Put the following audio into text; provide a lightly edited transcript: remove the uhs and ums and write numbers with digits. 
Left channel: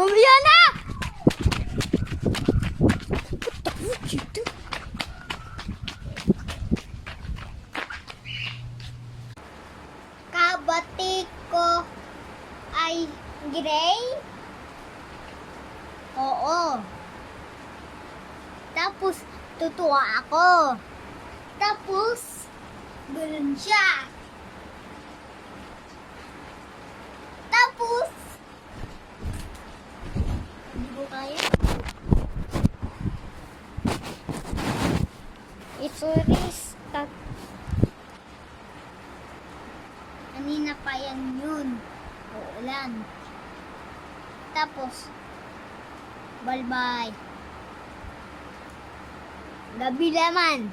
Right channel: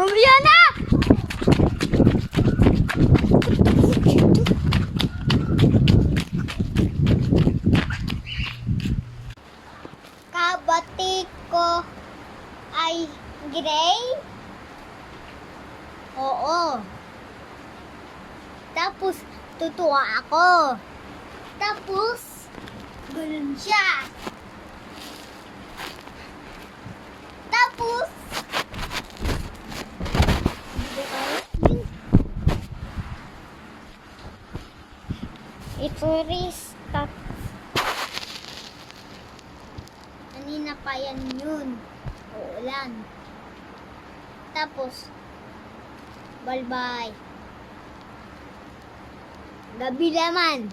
Mamaya na! Kabati ko ay gray? Oo. Tapos, tutuwa ako. Tapos, ganun siya. Tapos, ito restart. Kanina pa yan yun. Uulan. Tapos, bye-bye. Gabi naman.